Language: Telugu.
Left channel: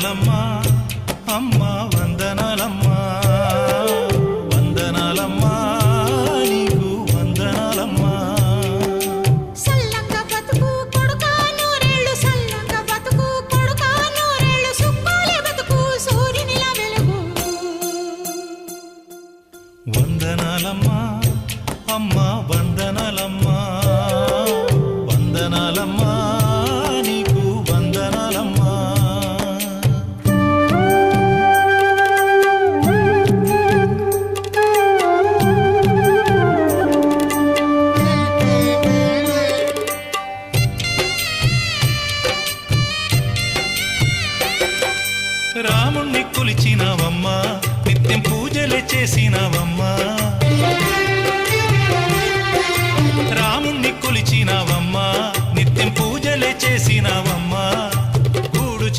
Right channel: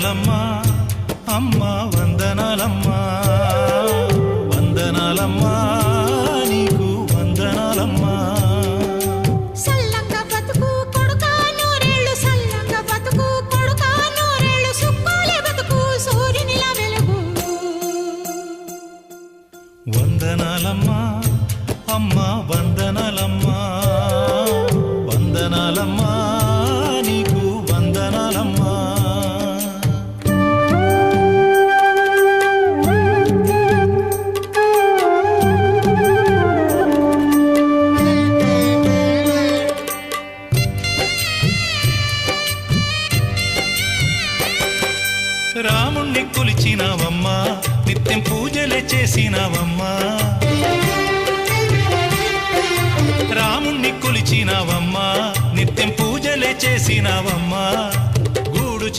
వందనాలమ్మా అమ్మా వందనాలమ్మా వందనాలమ్మా నీకు వందనాలమ్మా సల్లంగా బతుకు కొడుకా నూరేళ్ళు సల్లంగా బతుకు కొడుకా నూరేళ్ళు సుక్కోలే బతుకు సూర్యునిలా వెలుగు వందనాలమ్మా అమ్మా వందనాలమ్మా వందనాలమ్మా నీకు వందనాలమ్మా రాముణ్ణి కొలిచినావమ్మా నిత్యం పూజలే చేసినావమ్మా రాముణ్ణి కొలిచినావమ్మా నిత్యం పూజలే చేసినావమ్మా